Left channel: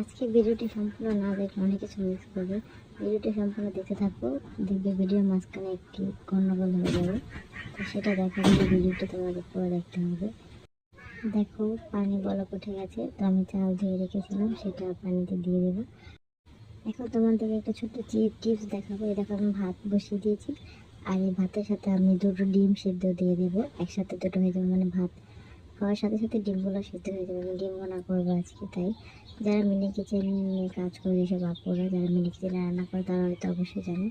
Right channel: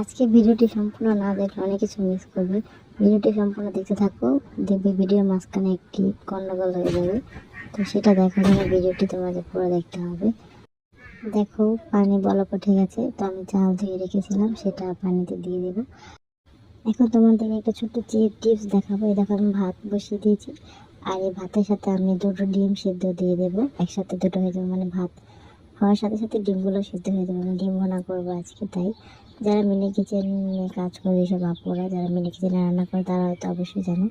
আজকে ভিডিওটি সম্পূর্ণ না দেখলে অনেক কিছু মিস করবে। ভিডিওটি সম্পূর্ণ দেখতে থাকো, দেখবে ভিডিওর মাঝখানে একটি গন্ডগোল হয়ে যাবে। তো সেটা দেখার জন্য ভিডিওটি তোমাদের পুরো দেখতে হবে। দেখো পানি বলক উঠে গেছে, তো আমি চাল ধুয়ে রেখেছিলাম সেটা পানিতে দিয়ে দেবো। এখন তোমাদেরকে একটা ছোট্ট টিপস দেখাবো। এই দেখো আমি ভাত বসিয়ে দিয়েছি, আর এই ভাতের সাথে আমি দুটো ডিম সিদ্ধ দিয়ে দেবো। একসাথে দুটো হয়ে যাবে, মানে ভাত হওয়ার সাথে সাথে ডিমগুলো সিদ্ধ হয়ে যাবে। আমি ডিম ভুনা করবো আজকে, তাই যারা মিনি কিচেনে কাজ করে, এসব আপুরা যারা মিনি কিচেনে রান্না করে তারা হয়তো অবশ্যই জানো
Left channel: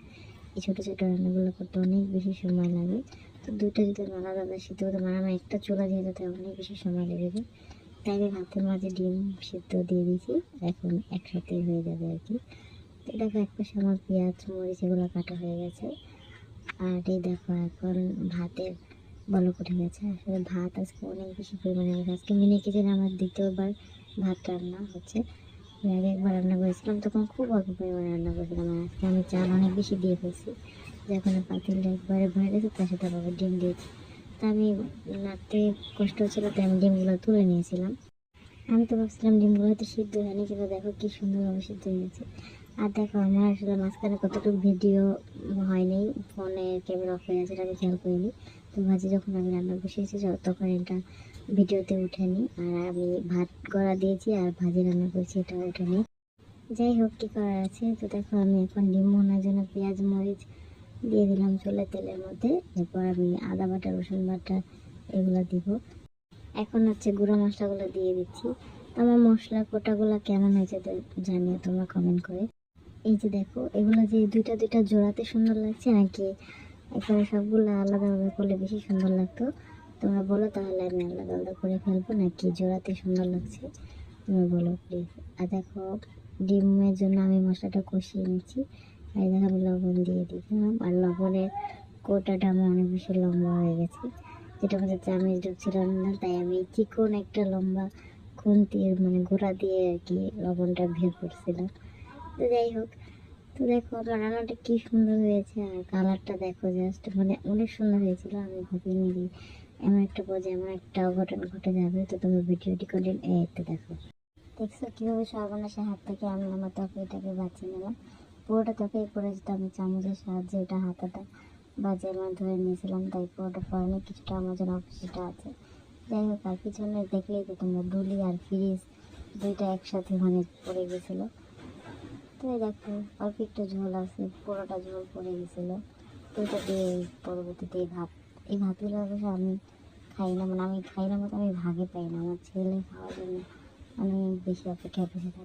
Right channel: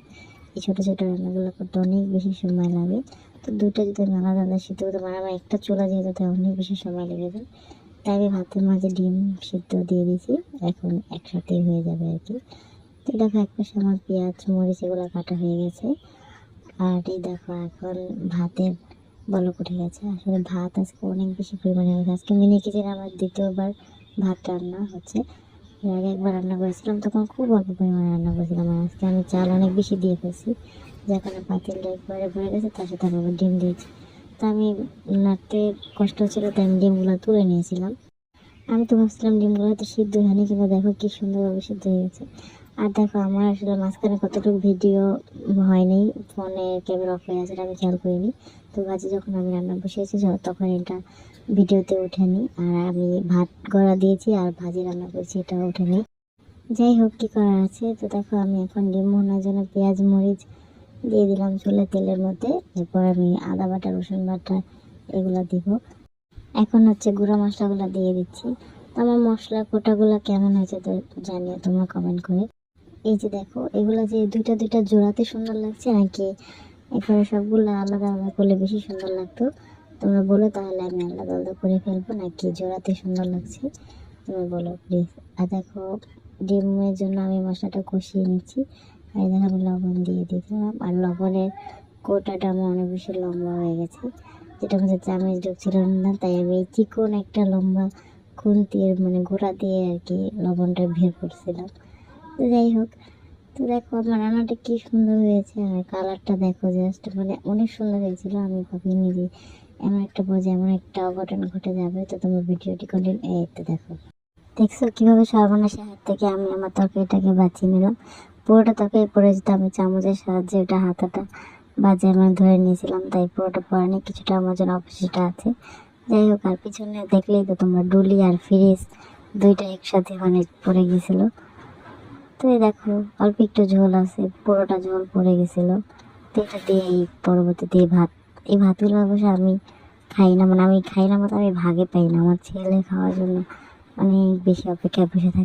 এই ছোটো ছোটো রান্নাগুলো করতে অনেক বেশি সময় লাগে। তো দুটো যদি আমি আলাদা আলাদা সিদ্ধ করতে পারি, আমার একটা চুলা দিয়ে যেতে অনেক বেশি সময় লেগে যায়। তাই আমি ভাতের মাঝে ডিম সিদ্ধ দিয়ে দিয়েছি, এখন একসাথেই হয়ে যাবে আর কি। তো দেখো একপাশে আমার পেঁয়াজ মরিচ এগুলো কাটা হয়ে গেছে, আর এই দেখো এখন ভাতের বলক উঠে গেছে। আসলে ভাত আজকে অনেক বেশি পরিমাণে হয়ে গেছে। আজকে মিনি কিচেনে আমার দ্বিতীয়বার ভাত রান্না হচ্ছে। এর আগে একবার রান্না করেছিলাম, তখন খুব অল্প পরিমাণে রান্না করেছিলাম। আর আজকে আমি চাল অনেক বেশি দিয়ে ফেলছি, যখন পাতিলটা একবারে ভরে গেছে তার সাথে আবার ডিম দিয়েছি। তা আমি নাড়তে কষ্ট হচ্ছিলো, তাই আমি ডিমগুলো তুলে নিয়েছিলাম। আমি তো ভাবছিলাম ডিমগুলো হয়তো সিদ্ধ হয়নি, কিন্তু দেখো কি সুন্দরভাবে সিদ্ধ হয়ে গেছে। আর দেখো আমার আসলে মাঝখানে কতটুকু ভিডিও হয়নি, ফোনে ক্যামেরা অফ হয়ে আছে, আমি খেয়াল করিনি। তো ভাজি যখন আমি রান্না বসিয়েছি তখন এটা ভিডিওতে ওঠেনি, আর আমি ভাত গড়া দিয়েছি আর ভাজি রান্না করছি এটা ওঠেনি। যাই হোক, কী করার আছে। তো দেখো আমি এখন ডিম ভোনার জন্য পেঁয়াজ মরিচ দিয়ে দিলাম চুলে তেলের মধ্যে। এরপর আমি আদা বাটা রসুন বাটা এগুলো দিব। এখন হচ্ছে গুঁড়া মশলাগুলো দিয়ে দিচ্ছি। আমার মশলা কোটাগুলো কেমন হয়েছে তো জানিও তোমরা কমেন্ট করে। এই যে দেখো এগুলো যে দুইটা দুইটা জোড়াতে সুন্দর লাগছে, নাকি এখানে সবগুলো আলাদা আলাদা করলে বেশি সুন্দর লাগতো তোমরা বলো, তাহলে আমি আলাদা আলাদা করে ফেলবো, নাকি জোড়াতে সুন্দর লাগছে তুমি বলো প্লিজ। আর দেখো ডিমের জন্য আমি মশলাটা কষিয়ে নিচ্ছি। আর দেখো আমি লবণ দিয়ে দিলাম, আর লবণের কোটাটা আমার অনেক বেশি লম্বা হয়ে গেছে, যেটা আমাদের চামচ ঢুকছিল না, তাই আমি চিকন একটা লম্বা খুন্তির মানে গোড়া দিয়ে আর কি লবণটা বের করছিলাম। তো যাই হোক, তো দেখো আমার রান্নাটা কি সুন্দর হয়েছে, আর কালারটা দেখো জাস্ট মানে অনেক সুন্দর হয়েছিল। আমি ভাবিনি যে এমন একটা বোঝে এমন একটা অঘটন ঘটে যাবে। তো তুমি ভিডিওটি কন্টিনিউ, এই তো দেখো দেখছো কীভাবে সর্বনাশের হাত থেকে আমি আমার তরকারিটাকে বাঁচিয়ে নিলাম। পুরোটা তরকারি পড়ে যেত, আমি চামচের সাহায্যে ওটা হাতাটা বাজে আমি ধরে নিয়েছিলাম, তাই পুরোটা পড়েনি, কিছুটা আমার জন্য অবশিষ্ট আছে। যাই হোক, আর পিছনে দেখলেই তো তোমরা ডুলি আর ফ্রিজ দুইটা একসাথে মানে পড়ে গেছিলো। তো এই দেখো অল্প একটু ঝোল আছে, পুরোটা ঝোল পড়ে গেছিলো। তো এটা দিয়ে এই পরবর্তীতে এই ভাতগুলো অবশ্য আমি খাই না, মানে আমি খাই না মতো আমি ভাগে পাই না, আমার ছেলে খাওয়ার জন্য অনেক বেশি অপেক্ষায় বসে থাকে।